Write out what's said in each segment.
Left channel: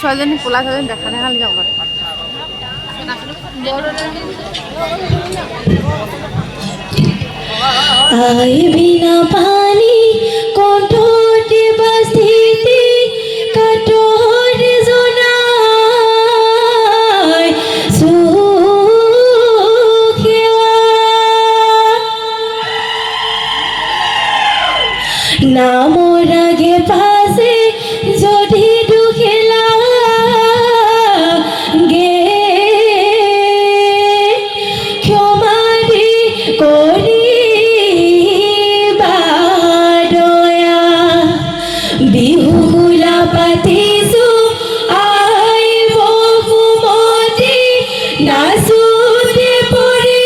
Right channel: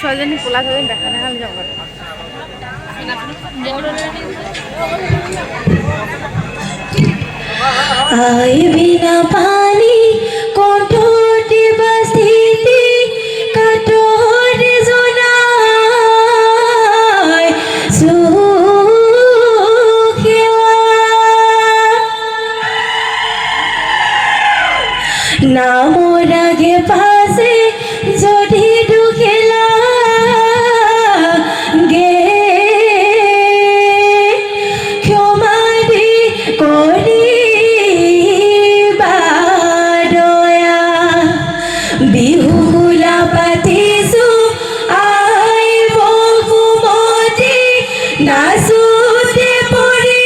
ছোৱালীজনী ক'লা ছোৱালীজনী দেখা দেখা যাওঁ আই বিনা পানী কণ্ঠতে বাজিতে কাতৰ জনাই সুখেৱা নামৰ আগে পাছে যদি দুখেলা গে ক্ষমা দি কৰিবা দয়া বিহু বোলা পাতিছো আই বহুমতি নাচোতে পৰি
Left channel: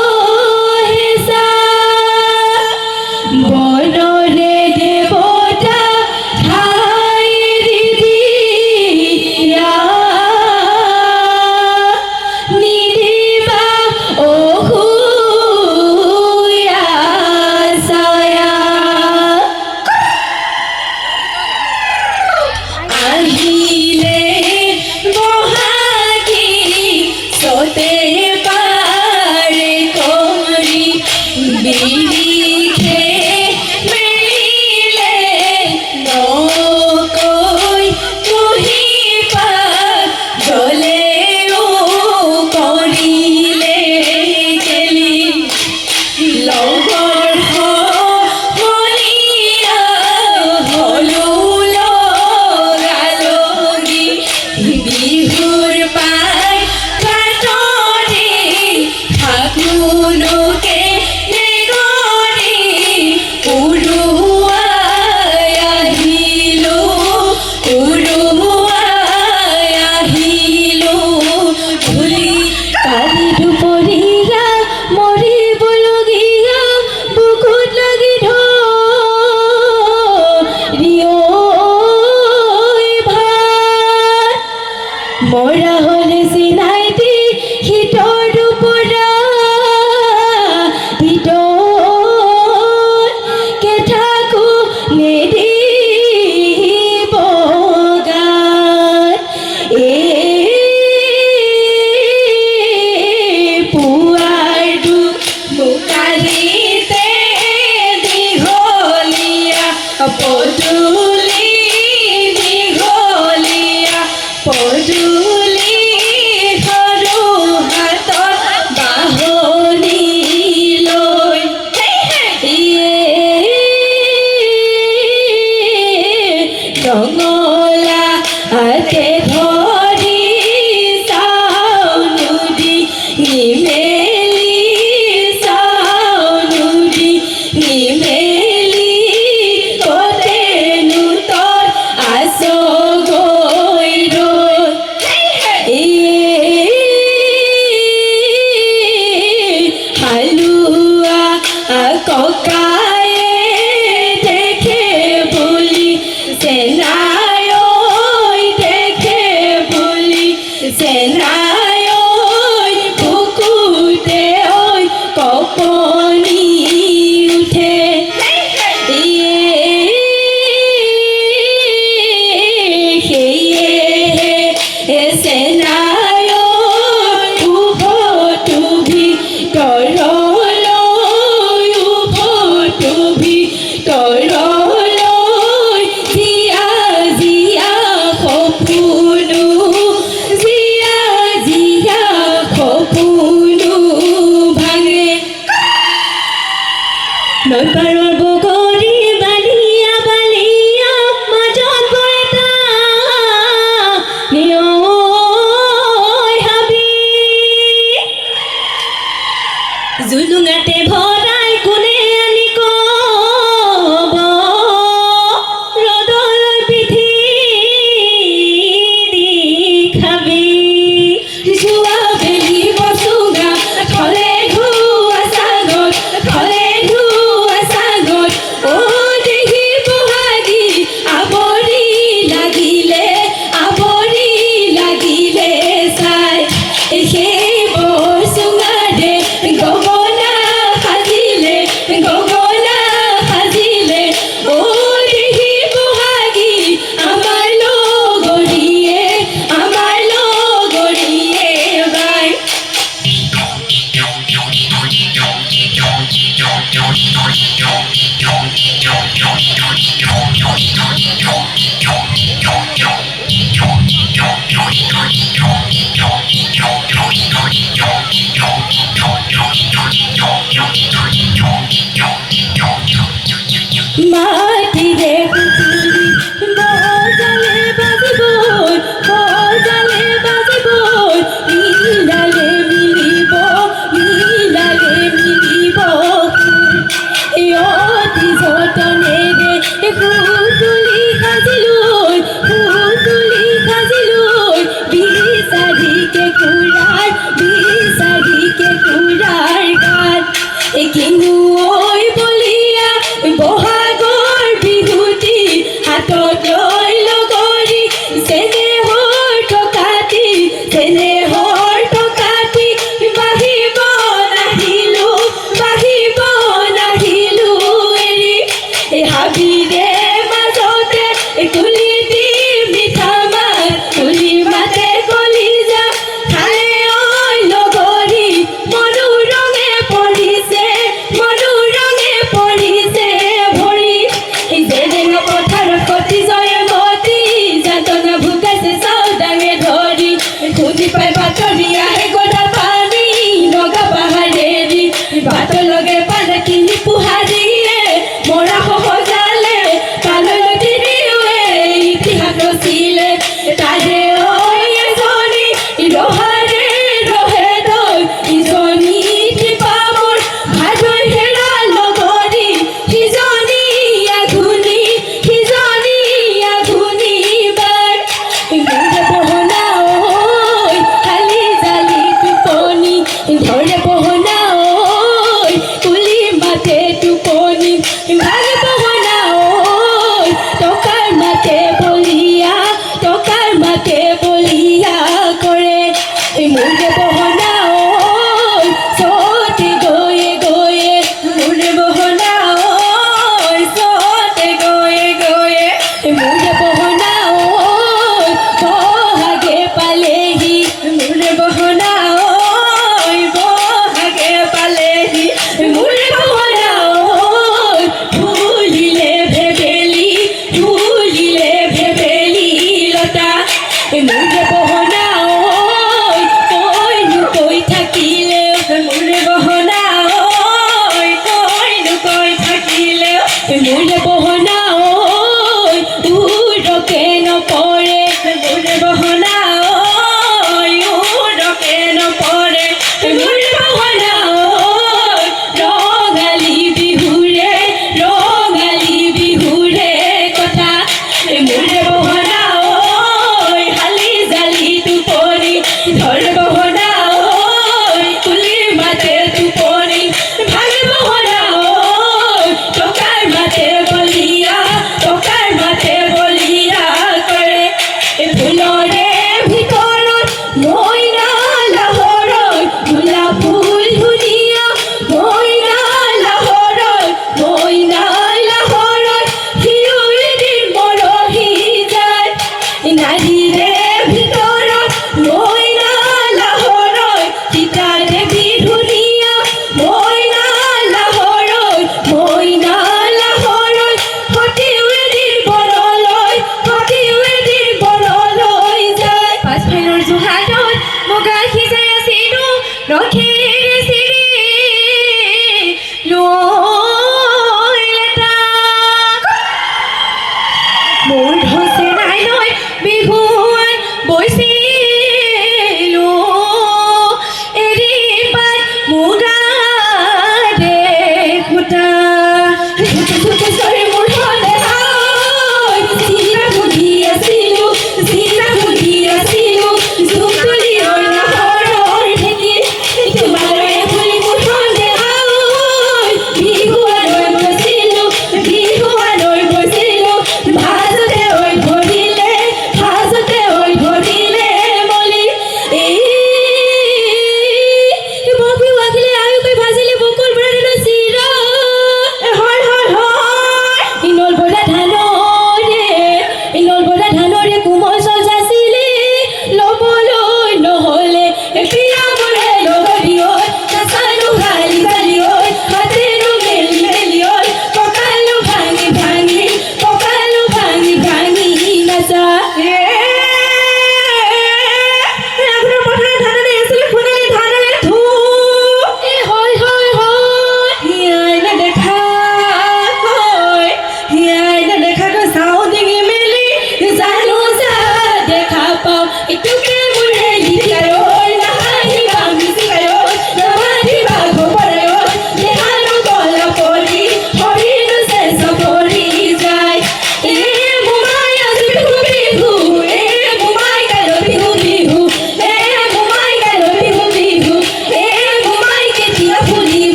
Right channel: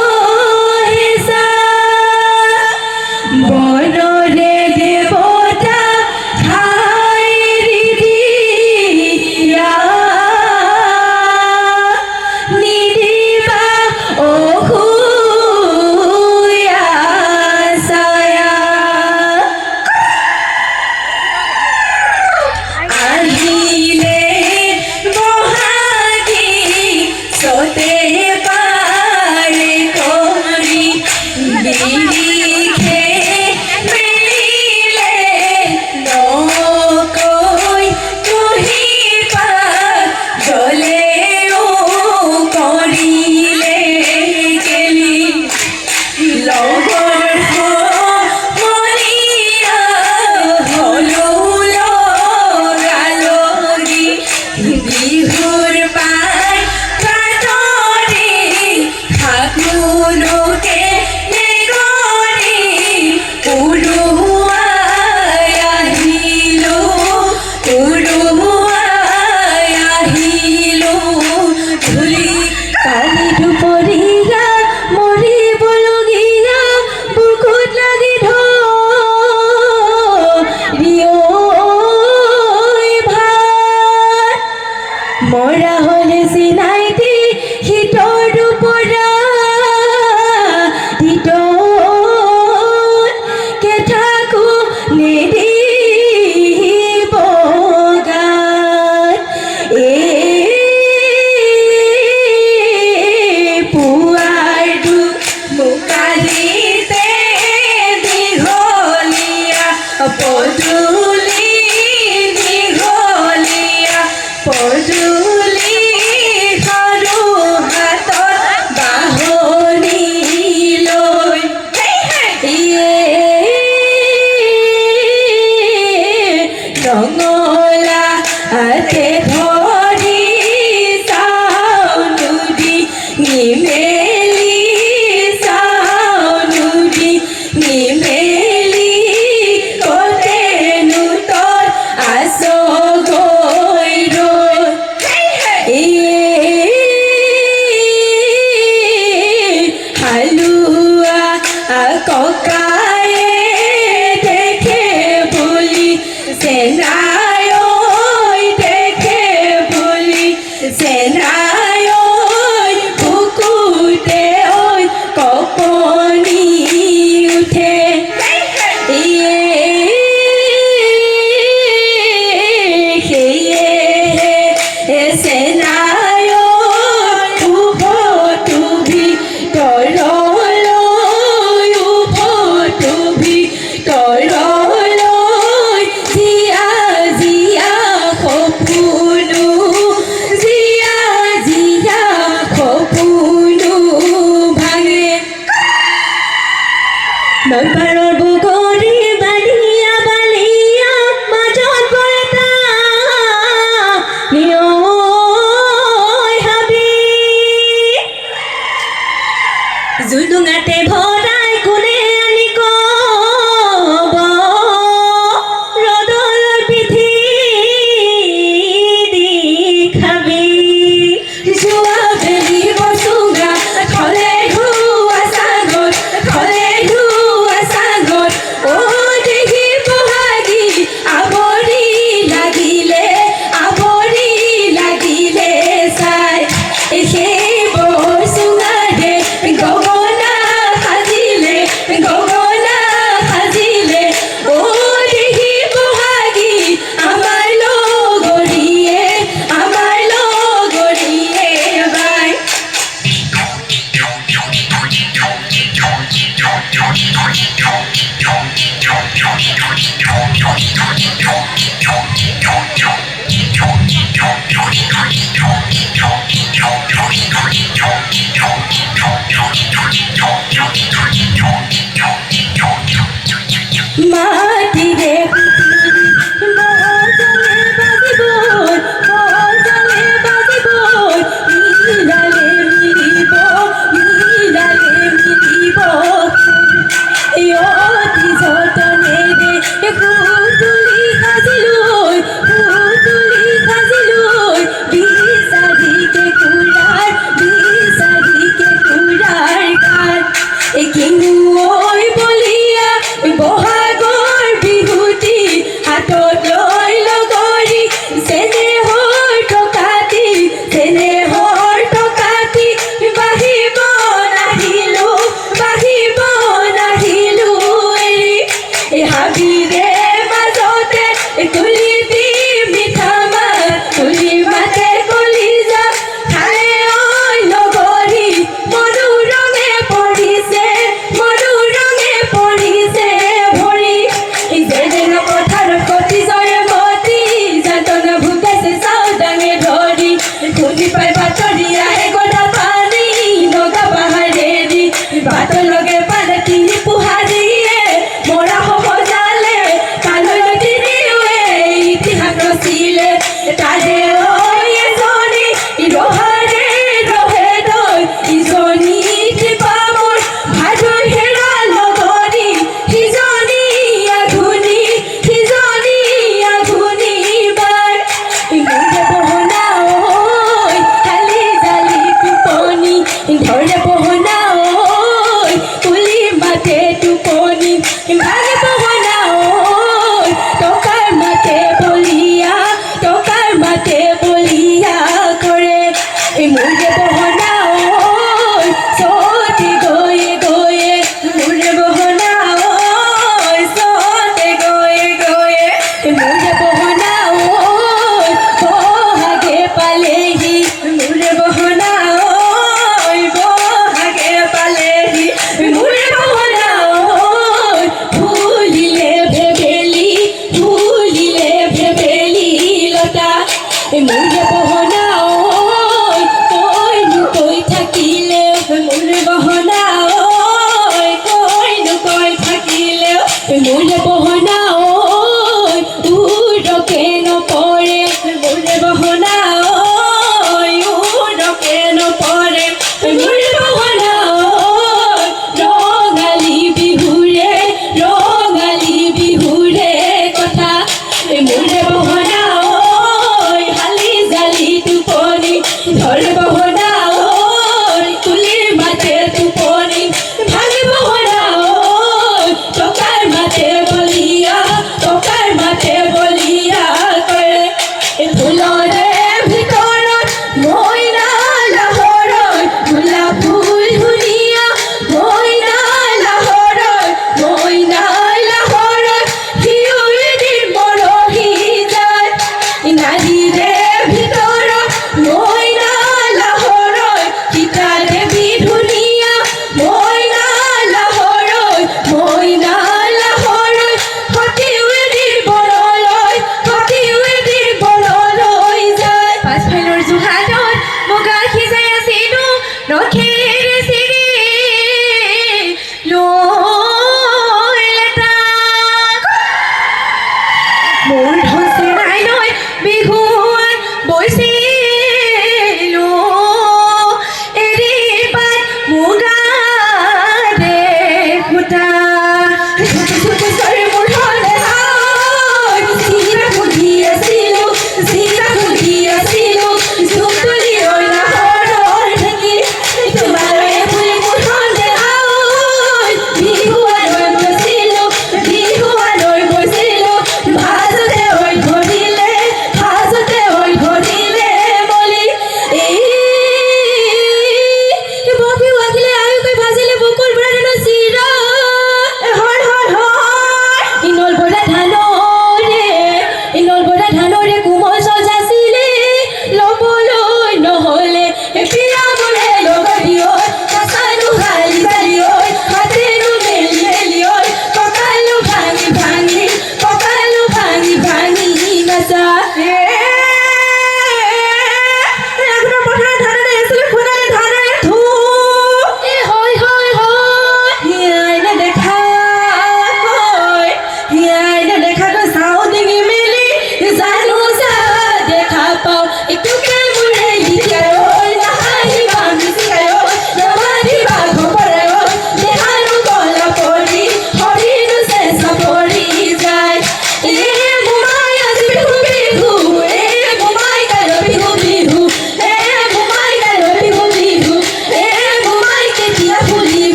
বহেছা বনৰে দেৱতা ঠাই দিয়া নিদিবা অসুয়া ছায়া আহিলে বহাগী চতে পাৰে কৰি বিৰিখে মেলিলে নকৈ কুহিপা জ্বলেও কৰিলে গেলি লগৰ সমনীয়া হলো লগালগি বিহুৰ পাই কাটৰে ফাগুনকে নেগৰে উৰুৱাই আহিলো ধূলি কালি দুপৰীয়া মৰিবলগীয়া বুকুত লাগি ধৰিয়ৈ ভাত মৰা হ'লে চিনাইতি শীতৰ দুপৰা কে থাকো নিদিব গাত পুৱাৰ দুখ মুকালিতে দীঘলীয়া পদূলি দীঘলীয়া পদূলি সৰু হাতত বাঢ়নি লৈ ৰঙলা হাতে ধৰি চাওঁ নদী নিমেলি চাওঁ নদী নিমেলি কতেনো তই আছ গৈ হালুৱা ককায়ে দেখে বুলি চেনাই দেখে বুলি চেনাই বুকুতে কপনি উঠে সেয়ে চেনাই উভতো ভিতৰলৈ উভতো ভিতৰলৈ জীয়া জীয়া সপোনো জীয়া মাটিরে পুতুলি বজালে বাজিব বজালে বাজিব মিলালে মিলিব মিলালে মিলিব অতি যতনেৰে পুতুলি সাজিলৈ পুতুলি সাজিলৈ বিচাৰিকে কুৰাৰ গাত কিনো ঐ বলিয়া বহাগৰ বিহুতি হাতত লৈ লগৰী চেনেহৰ টকাতি বাঢ়িব নাহিলো এৰি হাবিৰে মাজতে তুলি দি মিঠা মাত তুলি মাতে কলিজা খালে ঐ লগৰী মনো ৰঙে পৰিছে ভৰি যেনে পথাৰত কটি জয়মতী যাতনা ভোগাইছে চাও ডাঙে ধৰি খুজি পাই বাতৰি আহে গধা পানী লগা পাহাৰেদি বাটৰ লগে পালে তিনি পুহাৰীয়ে মৰা সজালে কালৈ তিনিওৱে ইতিহাস ৰচিলে তাৰে ঐ এজনী ৰহাৰে ৰহে দৈ ইজনী টিপামৰ ভাজৈ হেৰা লগৰী সিজনী আধুনী বাৰ মোৰে বহনা ঐ খালি জালি টোপনি ধৰে বহনা ঐ কুলি মাতে টোপনি ভাগে বহনা ঐ টকাৰ মাতে বলিয়া কৰে মোৰে বহনা ঐ চতে গৈয়ে মোৰে বহনা ঐ চতে গৈয়ে মোৰে বহনা ঐ বহাগে পালেহি মোৰে বহনা ঐ বহাগে পালেহি মোৰে বহনা ঐ ফুলিলে ভেবেলি লতা মোৰে বহনা ঐ কৈনো কৈ থাকিলে মোৰে বহনা ঐ কৈনো কৈ থাকিলে মোৰে বহনা ঐ উৰকে নপৰে মোৰে বহনা ঐ উৰকে নপৰে মোৰে বহনা ঐ ৰঙালী বিহুৰে কথা মোৰে বহনা ঐ হালি জালি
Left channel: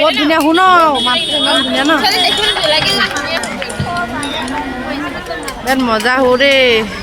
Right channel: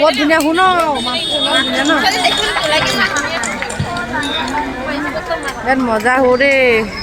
বৰ ধুনীয়া শুন মাতটো ইমান ধুনীয়া ন বিৰাট মজা হো দেই।